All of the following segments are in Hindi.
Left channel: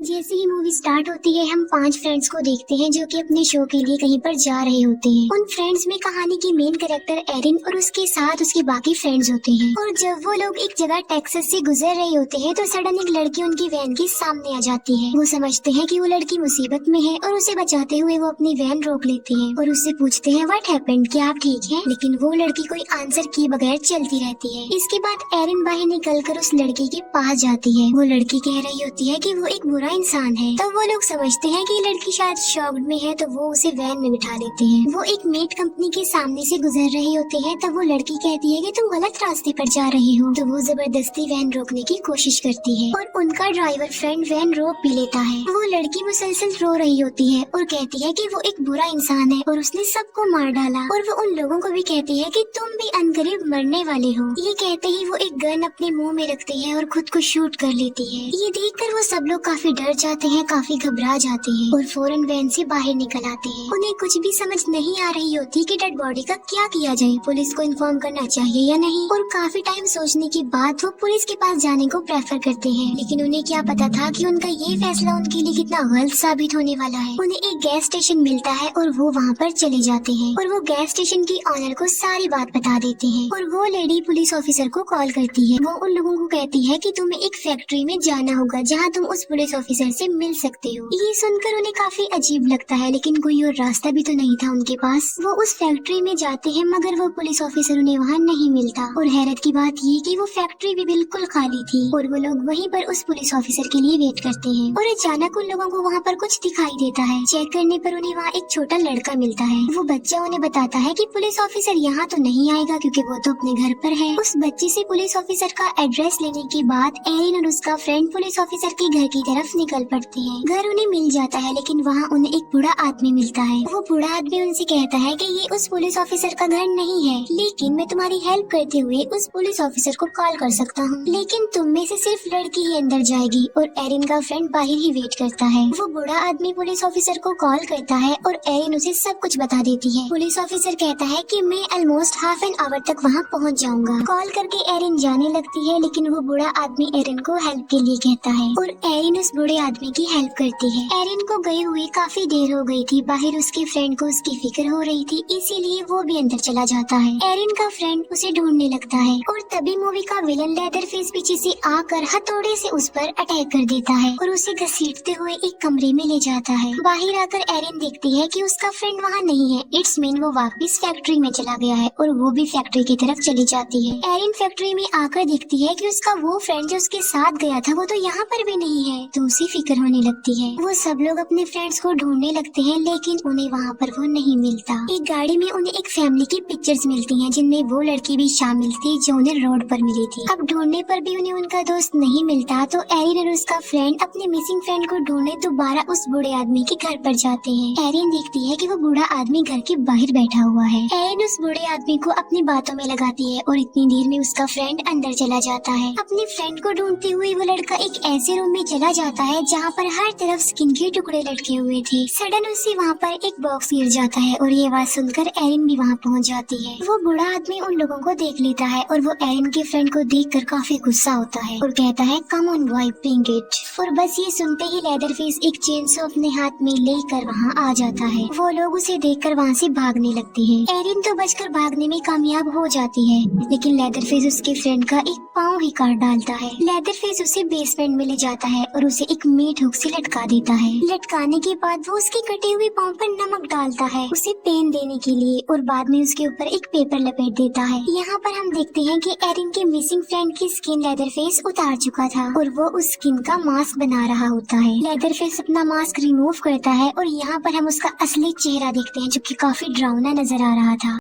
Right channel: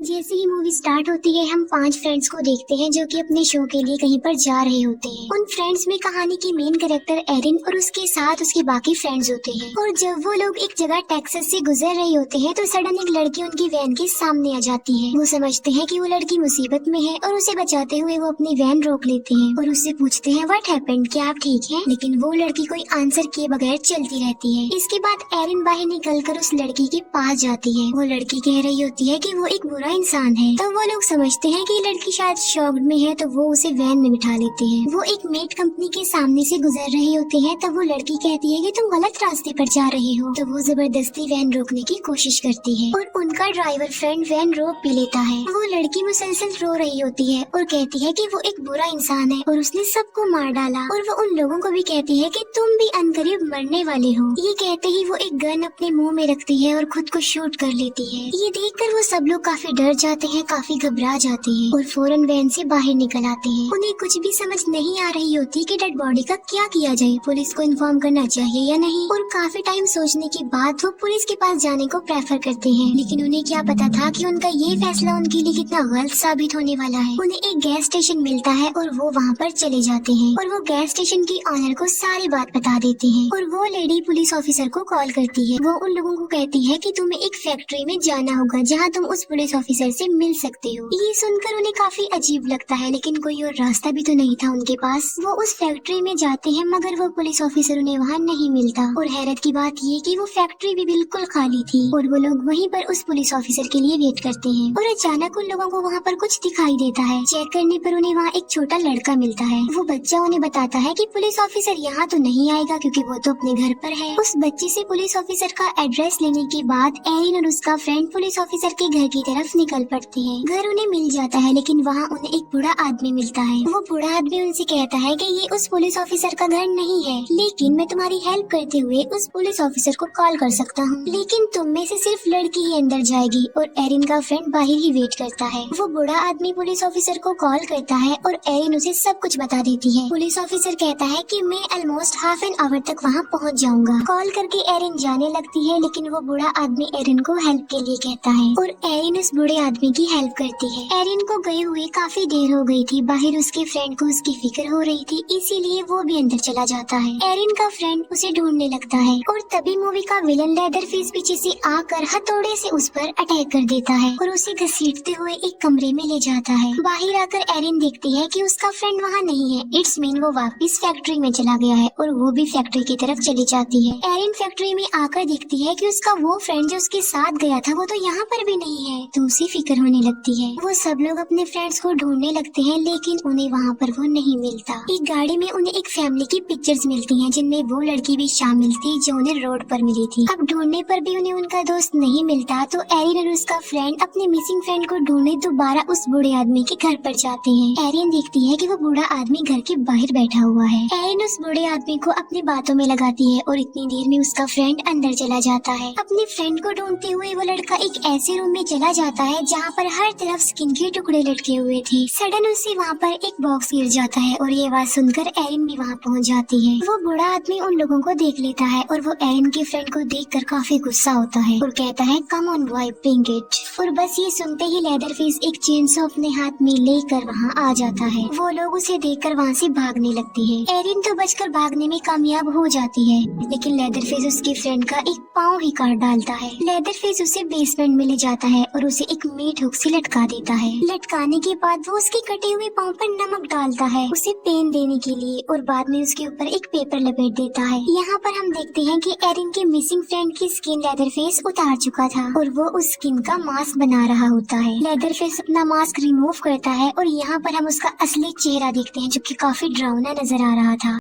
जैसे ही मूवी स्टार्ट होती है हम 5 फ्रेंड्स को देखते हैं जो कि अपने शो के लिए कहीं पर जा रहे होते हैं। उन फ्रेंड्स में कहानी की मेन कैरेक्टर एरिन और उसके साथ उसके बाकी फ्रेंड्स होते हैं। और जब वो लोग एक जगह टेक्सास से गुजर रहे होते हैं तो सडन एक लड़की उनकी वैन के सामने आ जाती है। वो समझते हैं कि वो लड़की मुसीबत में है और उसे बचाते हुए वो अपनी वैन रोक लेते हैं और उससे पूछते हैं व्हाट हैपेंड, क्या आप ठीक हैं? लेकिन वो लड़की कोई आंसर किए बगैर चलती रहती है। इसके बाद एरिन बाहर निकल कर उस लड़की के पास जाती है। वो लड़की कह रही होती है कि वो एक बुरा इंसान है। तब वो लोग समझते हैं कि लड़की शायद शॉक्ड में है तो वो उसे वैन में बिठा लेते हैं। वो एक मीट कंपनी के सामने से गुजर रही होती है तब वो लड़की कहती है कि तुम गलत रास्ते पर जा रहे हो। तो वो जबरदस्ती वैन रोकने की कोशिश करती है और उनका ड्राइवर फ्रेंड वैन रोक भी लेता है। वो लड़की मुसलसल रो रही होती है और कहती है कि वो एक बुरा इंसान है और उसने सबको मार डाला। और वो उन लोगों को भी कहती है कि तुम भी अनकरीब मरने वाले हो। ये कहते ही वो एक गन अपने मुंह में रखती है और खुद को शूट कर लेती है। ये देखकर वो सब लोग काफी डर जाते हैं, काफी घबरा जाते हैं और फौरन वैन से बाहर निकल आते हैं। उन्हें कुछ भी समझ नहीं आ रही होती कि डेड बॉडी का क्या किया जाए, पुलिस को इन्फॉर्म करना चाहिए या नहीं। और काफी टाइम सोचने के बाद वो पुलिस के पास जाने को प्रेफर करते हैं। लेकिन उन्हें क्या पता था कि उनका ये फैसला उनके लिए कितना गलत साबित होने वाला है। उन्हें एक गैस स्टेशन मिलता है और वो वहाँ पर चले जाते हैं और वो गैस स्टेशन के ऑनर को सारी बात बता देते हैं। और वो लेडी पुलिस ऑफिसर को कॉल करती है। वो उन लोगों को कहती है कि तुम्हें एक फैक्ट्री में जाना होगा जहाँ तुम उस पुलिस ऑफिसर से मिल सकते हो। ये सुनकर उन्हें काफी अजीब लगता है लेकिन कोई और रास्ता भी तो नहीं था उनके पास। वो उस फैक्ट्री में जाते हैं मगर वो पुलिस ऑफिसर उन्हें वहाँ नहीं मिलता। और हैरत की बात ये कि वो फैक्ट्री भी बिल्कुल खाली थी और वो लोग वहीं पर उस पुलिस ऑफिसर के लिए वेट करते हैं। और अचानक उन लोगों को वहाँ पर कुछ दिखाई देता है। चेक करने पर उन्हें वहाँ एक छोटा लड़का मिलता है। वो बच्चा उन्हें बताता है कि पुलिस ऑफिसर यहाँ तो नहीं आएगा क्योंकि वो तो अपने घर पर है। उस बच्चे से पुलिस ऑफिसर का एड्रेस लेने के बाद एरिन और उसका फ्रेंड पुलिस ऑफिसर के घर की तरफ निकल पड़ते हैं। घर उन्हें मिल जाता है लेकिन वहाँ उन्हें एक बूढ़ा आदमी मिलता है। वो बूढ़ा आदमी उनसे कहता है कि ये उस पुलिस ऑफिसर का घर नहीं है, लेकिन मैं तुम्हारी हेल्प करते हुए उस पुलिस ऑफिसर को कॉल कर सकता हूँ। लेकिन तुम में से सिर्फ लड़की ही अंदर जाएगी। और एरिन का फ्रेंड बाहर ही वेट करता है। वो बूढ़ा आदमी पुलिस ऑफिसर को कॉल करता है और एरिन उसे सब कुछ बता देती है। पुलिस ऑफिसर कहता है कि मैं ऑलमोस्ट हाफ एन आवर तक वहाँ पहुँच जाऊंगा। कॉल करके एरिन जाने लगती है लेकिन वो बूढ़ा आदमी एरिन को हेल्प के लिए कहता है और एरिन उस बूढ़े आदमी की हेल्प करती है। एरिन को गए हुए काफी देर हो गई थी। बाहर उसके फ्रेंड को उसकी फिक्र हो रही थी, इसीलिए वो भी अंदर चला जाता है। एरिन का फ्रेंड उसे ढूंढने लगता है और तभी मूवी का विलन लेदरफेस पीछे से आकर हथौड़े से उस पर अटैक कर देता है और उसे घसीटते हुए एक कमरे में ले जाता है। बाहर आकर एरिन देखती है कि उसका फ्रेंड वहाँ नहीं है। इट्स मीन वो वापस फैक्ट्री में चला गया है और वो भी फैक्ट्री की तरफ चली जाती है। एरिन फैक्ट्री में आकर देखती है कि उसका वो फ्रेंड जो उसके साथ गया था वो तो यहाँ पर भी नहीं है, तो उसे फिक्र होने लगती है। वो सब लोग अपने फ्रेंड्स को ढूंढने लगते हैं लेकिन उन्हें वहाँ पर वो नहीं मिलता। एक गाड़ी में उन्हें एक फैमिली की पिक्चर्स मिलती हैं जिनमें वो लड़की भी शामिल थी जो उन्हें रोड पर मिली थी। अब ढूंढने पर भी उन्हें उनका दोस्त नहीं मिलता तो एरिन और उसका फ्रेंड अपने मिसिंग फ्रेंड को ढूंढने दोबारा उस बूढ़े आदमी के घर पर जाते हैं। एरिन देखती है कि वो बूढ़ा आदमी घर के बाहर बैठा हुआ है। एरिन उस बूढ़े आदमी को अपनी बातों में लगाती है और इतनी देर में उसका फ्रेंड अंदर चला जाता है। अपने फ्रेंड को ढूंढते हुए वो लड़का एक ऐसे रूम में चला जाता है जहाँ पर हर तरफ स्किन के टुकड़े लटके हुए थे। सडन उसे वहाँ पर एक बॉक्स गिर जाता है और ये आवाज सुनकर एरिन भी वहाँ पहुँच जाती है। वो बूढ़ा आदमी उन लोगों को देख लेता है और वो एरिन के फ्रेंड को देखकर काफी गुस्सा होता है और कहता है come on boy bring it. और बस ये सुनते ही लेदरफेस एक चेनसॉ अपने हाथ में लेकर वहाँ आ जाता है। वो लोग उसे देखकर वहाँ से भागने लगते हैं। एरिन तो बचकर भागने में कामयाब हो जाती है लेकिन लेदरफेस उसकी फ्रेंड का एक पाँव ही काट डालता है। लेदरफेस उसे बेसमेंट में ले जाता है और उसे एक मीट हुक से लटका देता है। लटकाने के बाद वो उसके कटे हुए पाँव पर नमक डालता है उसे पेन देने के लिए और बाद में उसके ऊपर एक पेपर लपेट देता है। यहाँ पर हम देखते हैं कि एरिन के मिसिंग फ्रेंड की स्किन लेदरफेस उतार चुका था और वो उस स्किन का मास्क बना रहा होता है। लेदरफेस अपना मास्क रिमूव करता है और यहाँ पर हम उसका असली चेहरा देखते हैं जो कि काफी डरावना नजर आ रहा था।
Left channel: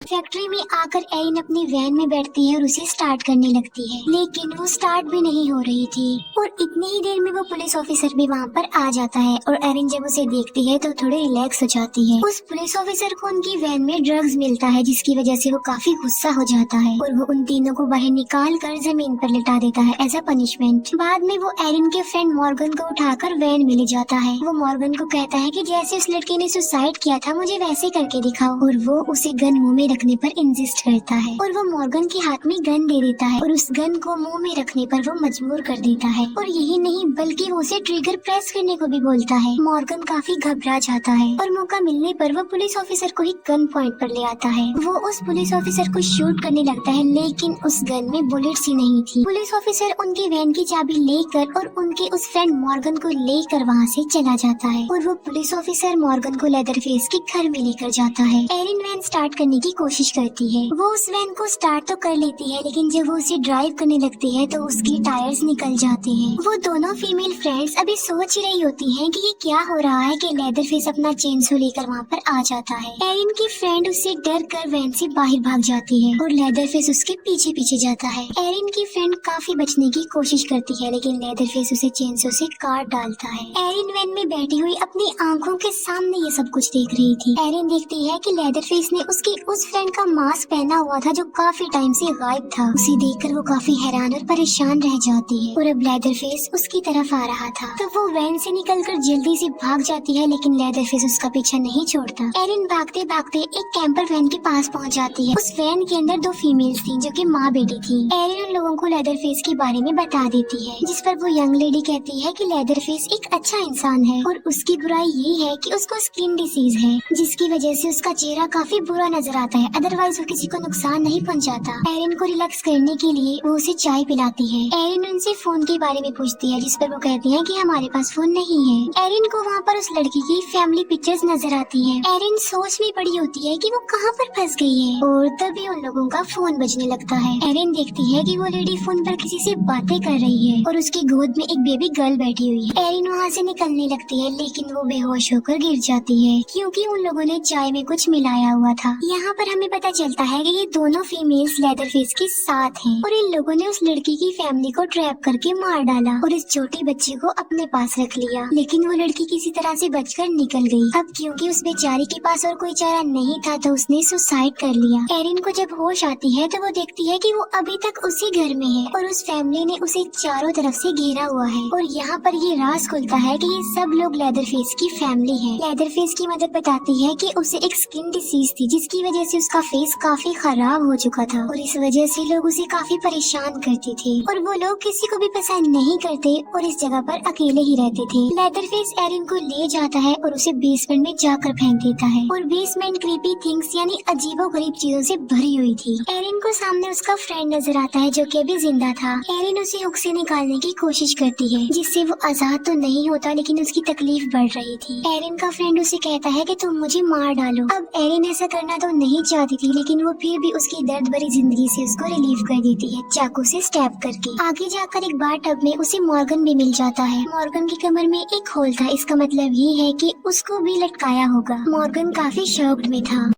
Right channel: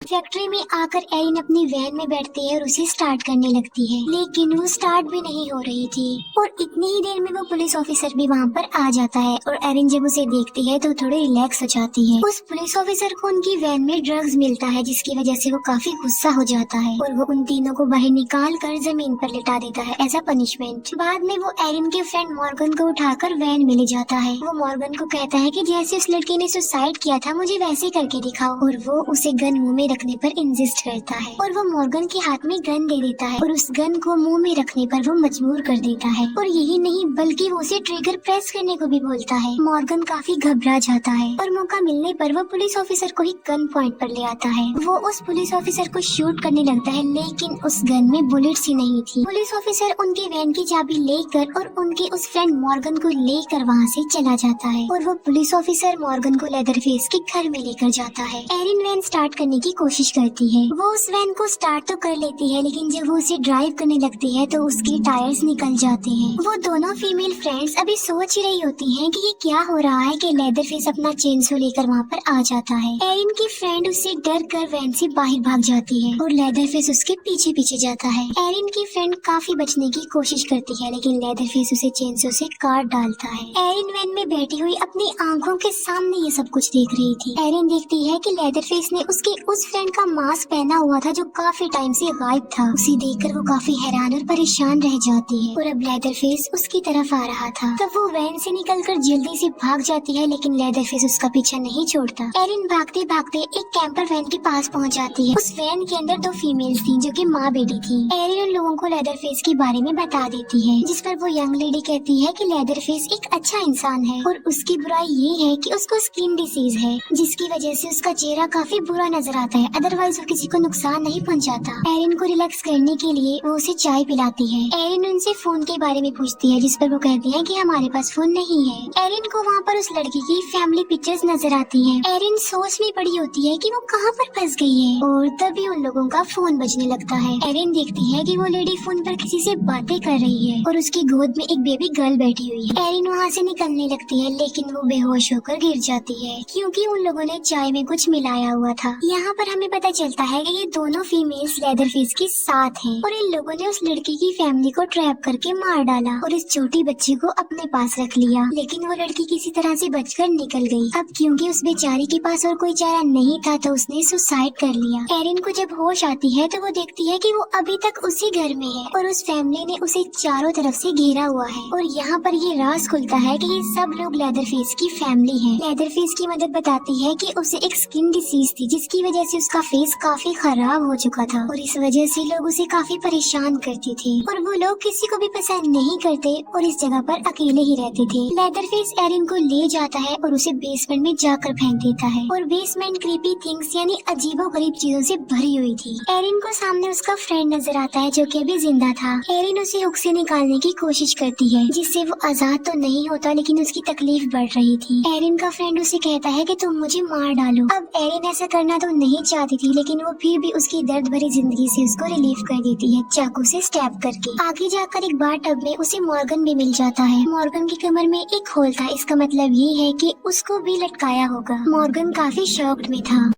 फैक्ट्री में आकर एरिन अपनी वैन में बैठती है और उसे स्टार्ट करने लगती है लेकिन वो स्टार्ट भी नहीं हो रही थी और इतनी ही देर में वो पुलिस ऑफिसर भी वहाँ पर आ जाता है और एरिन जब उसे देखती है तो थोड़ी रिलैक्स हो जाती है। उस पुलिस ऑफिसर को उनकी वैन में ड्रग्स मिलता है जिसकी वजह से वो काफी गुस्सा हो जाता है और वो उन तीनों को बाहर निकाल कर जमीन पर लिटा देता है एज अ पनिशमेंट। बाद में वो एरिन के फ्रेंड मॉर्गन को उठाकर वैन में ले जाता है। वो मॉर्गन को कहता है कि जैसे उस लड़के ने सुसाइड किया था मुझे वैसे करके दिखाओ और वो उसे गन मुंह में रखने पर इंसिस्ट करता है और वो मॉर्गन के हाथ में गन दे देता है और उस गन को मुंह में रखने पर वो मजबूर कर देता है। और यही नहीं बल्कि वो उसे ट्रिगर प्रेस करने को भी बोलता है। मॉर्गन काफी घबरा जाता है और मौका मिलने पर वो पुलिस ऑफिसर को ही गन पॉइंट पर ले आता है। वो उस पुलिस ऑफिसर को शूट करने लगता है लेकिन उस गन में बुलेट्स ही नहीं थी। पुलिस ऑफिसर उनकी वैन की चाबी लेकर और उनके उस फ्रेंड मॉर्गन को लेकर वहाँ से चला जाता है और वो पुलिस ऑफिसर मॉर्गन को लेदरफेस के घर में लेकर जाता है। एरिन वैन स्टार्ट करने की कोशिश करती है। वो उस वैन को स्टार्ट तो कर लेती है लेकिन जब वो उसे ड्राइव करने लगती है तो उसकी टायर्स निकल जाते हैं। वो दोनों फीमेल फ्रेंड्स अभी सोच ही रही होती हैं कि ये क्या हो रहा है कि लेदरफेस अपना चेनसो लेकर वहाँ पर आ जाता है। एरिन की फ्रेंड उससे डर कर वैन से बाहर भाग जाती है और लेदरफेस उसके पीछे पीछे जाता है। एरिन की फ्रेंड काफी बचने की कोशिश करती है लेकिन लेदरफेस उसे चेनसो से काट डालता है। एरिन वैन में बैठी हुई अपनी आंखों के सामने ये सब कुछ देख रही थी। एरिन देखती है कि लेदरफेस ने उसकी उस फ्रेंड का मास्क पहना हुआ था जो काफी टाइम से गायब था। उसे देखकर वो काफी हैरान और परेशान रह जाती है और अब लेदरफेस उसकी तरफ आ रहा था। तब वो वैन से निकलकर जल्दी से भाग जाती है लेकिन लेदरफेस उसका पीछा नहीं छोड़ता। एरिन भागते भागते एक कैंपर वैन के पास पहुंच जाती है। उस वैन के अंदर 2 फीमेल्स थी जो कि माँ बेटी थी। एरिन उन लोगों को लेदरफेस के बारे में बता देती है जिस पर वो यंग लेडी कहती है कि लेदरफेस एक अच्छा इंसान है और उसकी बुराई ये है कि उसको स्किन डिसीज है जिसकी वजह से उसका चेहरा काफी बुरा नजर आता है, अदरवाइज वो किसी को नुकसान नहीं पहुंचाता। एरिन को रिलैक्स करने के लिए वो उसे चाय पिलाती है। एरिन उनसे फोन के बारे में पूछती है जिस पर वो कहती है कि हमारे पास फोन नहीं है। एरिन को वहाँ पर उस लड़की की फैमिली पिक्चर्स नजर आती है। एरिन सोच में पड़ी होती है कि वो कहाँ पर फंस गई है और तभी उन लोगों का फोन बजने लगता है। एरिन देखती है कि वो लेडी फोन पर किसी से बातें कर रही है और उसकी गोद में एक बेबी गर्ल बैठी हुई है। एरिन वहाँ से निकलने लगती है लेकिन वो बेहोश होकर गिर जाती है क्योंकि उन लोगों ने चाय में कुछ मिलाया हुआ था। यहाँ पर हमें पता चलता है कि ये दोनों फीमेल्स लेदरफेस के साथ हैं और इन लोगों ने उस लड़की की फैमिली को ट्रैप करके मार डाला और इस छोटी बच्ची को अपने पास रख लिया। लेकिन वो लड़की किसी तरह से बचकर निकल गई। अब क्योंकि उस बेचारी के पास और कोई चारा नहीं था तो उसने सुसाइड कर लिया। एरिन को जब होश आती है तो वो देखती है कि वो अभी तक उसी घर में है और उस फैमिली ने उसे चारों तरफ से घेरा हुआ है और यहाँ पर ये राज खुलता है कि ये सब लोग लेदरफेस की फैमिली है। लेदरफेस की मदद बताती है कि उसे एक स्किन डिसीज थी जिसकी वजह से उसका फेस काफी खराब हो चुका था और इस वजह से लोग उसे काफी परेशान करते थे और वो लोग किसी को भी पसंद नहीं करते और इस जगह पर अकेले ही रहते थे। लेदरफेस एरिन को ले जाता है और उसे बेसमेंट में जाकर फेंक देता है और बेसमेंट क्रीपी थिंग्स यानी अजीबोगरीब चीजों से भरी हुई थी। एरिन को सामने उसका फ्रेंड नजर आता है जो कि अभी जिंदा था। एरिन उसे हुक से निकालने की कोशिश करती है जिससे वो आजाद तो नहीं होता लेकिन उसकी तकलीफ बढ़ रही थी। एरिन का फ्रेंड उसे कहता है कि तुम मुझे मार डालो। अब एरिन ऐसा करना तो नहीं चाहती थी लेकिन वो फिर भी उसकी दर्द भरी जिंदगी से उसको रिलीव कर देती है चाकू से स्टैब करके। आगे जाकर एक बार टब में उसे मॉर्गन भी मिल जाता है। मॉर्गन की कमर में एक होल था, इसका मतलब ये है कि उसको भी लटकाया होगा। मॉर्गन काफी शॉक्ड में था।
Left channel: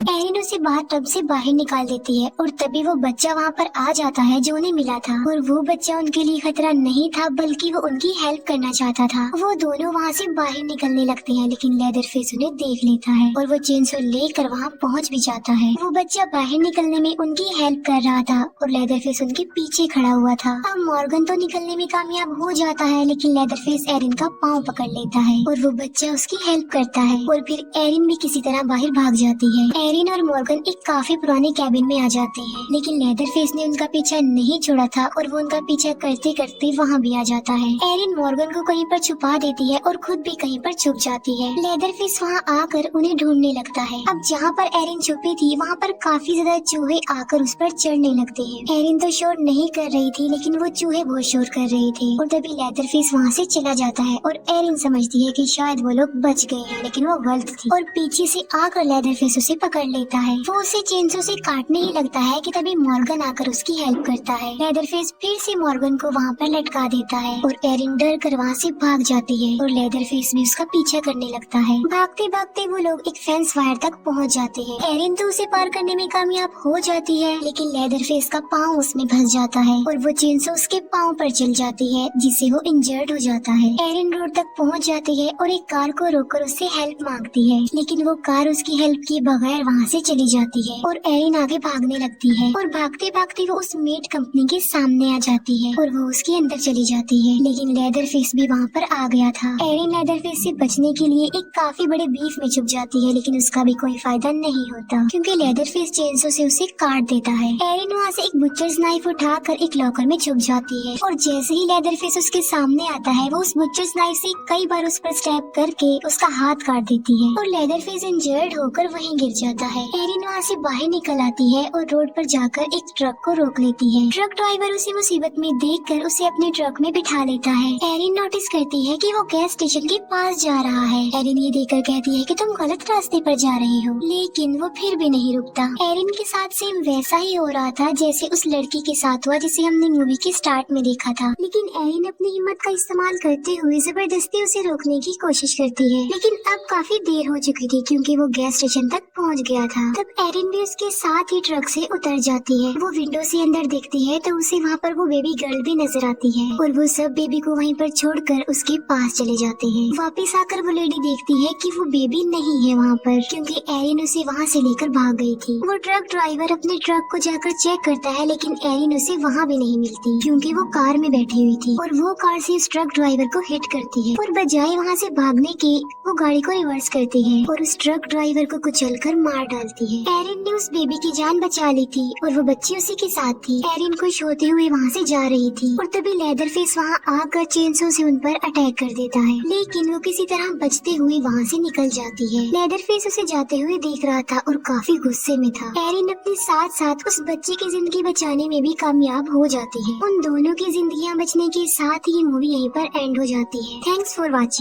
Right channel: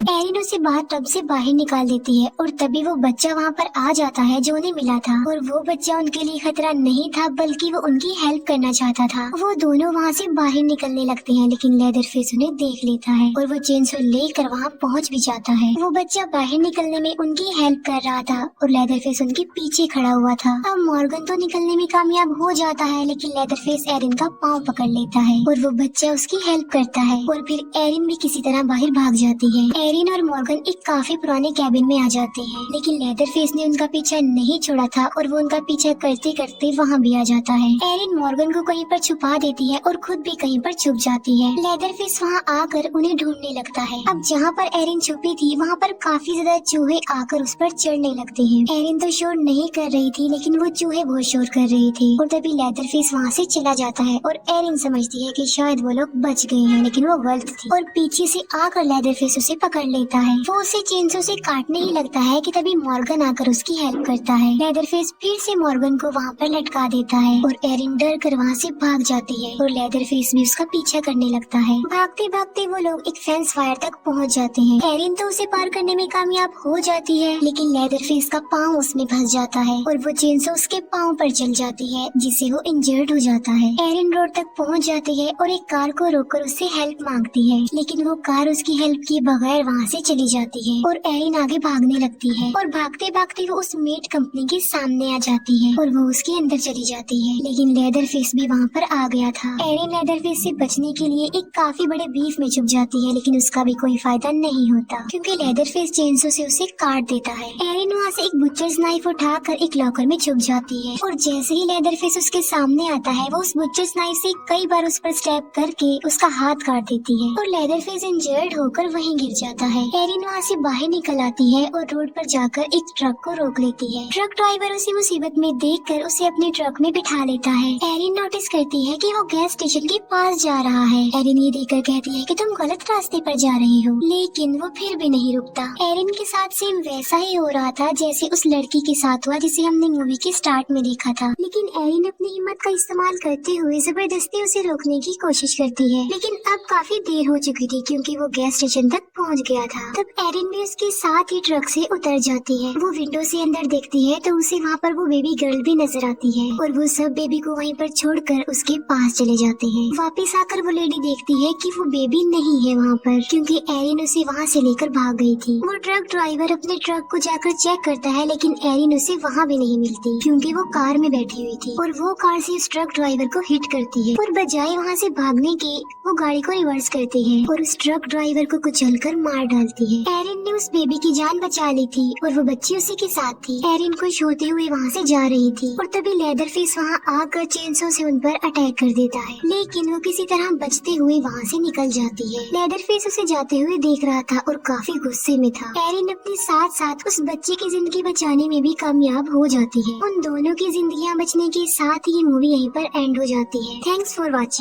एरिन उसे टब से बाहर निकाल देती है और तभी वो बच्चा वहाँ पर आ जाता है जो उन्हें मिला था और वो बच्चा उनके लिए खतरा नहीं था बल्कि वो उनकी हेल्प करना चाहता था। वो दोनों वहाँ से बाहर निकलने लगते हैं लेकिन लेदरफेस उन्हें देख लेता है और वो चेनसो लेकर वहाँ पहुँच भी जाता है। वो बच्चा बाहर निकलने में उनकी हेल्प कर रहा था और लेदरफेस उनके पीछे खड़ा हुआ था। अब मॉर्गन तो निकलने में कामयाब हो जाता है लेकिन लेदरफेस एरिन का पाँव पकड़ लेता है और वो बच्चा उसकी हेल्प करता है और फिर एरिन भी किसी तरह बाहर भाग जाती है। एरिन और मॉर्गन एक काफी पुराने कैबिन में आ जाते हैं लेकिन लेदरफेस ने उनका पीछा नहीं छोड़ा था और वो उनका पीछा करते करते वहाँ भी आ जाता है। एरिन मॉर्गन को कहीं पर छुपा देती है और खुद भी कहीं पर छुप जाती है। लेदरफेस वहाँ आकर उन्हें ढूंढने लगता है। अब जहाँ पर एरिन छुपी थी वहाँ पर काफी ज्यादा चूहे आकर उस पर चढ़ने लगते हैं। एरिन तो शोर नहीं कर रही थी लेकिन वो चूहे बहुत शोर कर रहे थे और तभी लेदरफेस वहाँ से चला जाता है और एरिन समझती है कि शायद वो लोग बच गए हैं लेकिन वो गलत थी और पीछे से आकर लेदरफेस उसे पकड़ लेता है। वो उसे चेनसो से काटने ही लगता है कि तभी मॉर्गन आकर उसकी हेल्प करता है। लेदरफेस फिर से मॉर्गन को वहाँ पर लटका देता है और एरिन डर कर वहाँ से भाग जाती है और लेदरफेस भी उसका पीछा करने लगता है। भागते भागते वो लोग एक फेंस वायर तक पहुँच जाते हैं। एरिन तो उसे पार करने में कामयाब हो जाती है लेकिन लेदरफेस का पाँव उसमें फंस जाता है और वो चेनसो उसके पाँव पर चल जाती है जिससे वो इंजर्ड हो जाता है। एरिन रोड तक पहुँच जाती है और एक कार को रोककर उससे हेल्प मांगती है लेकिन वो कार उसकी हेल्प किए बगैर वहाँ से चली जाती है और एरिन आगे भागने लगती है और भागते भागते वो उस मेड कंपनी के सामने आ जाती है और वो उसके अंदर चली जाती है। लेकिन लेदरफेस भी वहाँ पर आ गया था। एरिन लेदरफेस से बचने के लिए एक काफी बड़े बीफ में छुप जाती है, लेकिन उसका भी कोई फायदा नहीं होता क्योंकि लेदरफेस चेंसो से उसे काट देता है। एरिन वहाँ से एक बुचर्स नाइफ उठाकर एक लॉकर में छुप जाती है और जैसे ही लेदरफेस उसके सामने आता है वो उस बुचर्स नाइफ से कई बार उस पर स्टैब करके उसका हाथ काट देती है और लेदरफेस इंजर्ड होकर वहीं गिर जाता है। एरिन वहाँ से बाहर निकल आती है और रोड पर जाकर एक ट्रक को रोक लेती है। ट्रक ड्राइवर उसे मुसीबत में देखकर उसे अपने ट्रक में बिठा लेता है। एरिन नोटिस करती है कि वो गैस स्टेशन के पास जा रहा है। एरिन ये देखकर कहती है कि तुम गलत रास्ते पर जा रही हो, लेकिन वो फिर भी नहीं रुकता। एरिन के साथ सेम वैसा ही हो रहा था जैसे उस लड़की के साथ हुआ जिसे हमने मूवी के स्टार्ट में देखा था, लेकिन एरिन अपनी हिम्मत का इस्तेमाल करते हुए जबरदस्ती उसे रोकने की कोशिश करती है। लेकिन अब काफी देर हो चुकी थी क्योंकि वो गैस स्टेशन तक पहुंच गया था। तब एरिन भी उसके साथ ही ट्रक से उतर जाती है। वो विंडो से अंदर देखती है तो उसे वहाँ पर वो बेबी गर्ल भी नजर आती है और वो सब बेबी को वहीं पर छोड़कर उसके पास चले जाते हैं। वापस आकर वो लेडी देखती है कि वो बेबी नहीं है वहाँ पर क्योंकि एरिन उसे वहाँ से लेकर भाग गई थी। वो ट्रक ड्राइवर अपने ट्रक को जाकर चेक करता है, लेकिन एरिन उसे वहाँ भी नहीं मिलती क्योंकि वो कार में बैठी हुई थी और वो कार से उस ट्रक ड्राइवर को हिट करती है और बजाय वहाँ से भागने के वो गाड़ी को रिवर्स करती है और उस ट्रक ड्राइवर को कुचलकर मार डालती है। एरिन ने उस बेबी की जान बचा ली थी और वो बच्ची उसी के साथ थी। एरिन खुश होते हुए वहाँ से जा रही थी और तभी लेदरफेस वहाँ आकर चेनसो से उन पर अटैक कर देता है, लेकिन वो किसी तरह बचते हुए वहाँ से निकल जाती है। लेदरफेस उसे जाते हुए देख रहा था और काफी गुस्से में था। एरिन अपने साथ साथ उस बच्चे की जिंदगी बचाने में भी कामयाब हो जाती है। उन दोनों की जिंदगियाँ बचने के साथ ही मूवी यहीं पर एंड हो जाती है। Thanks for watching.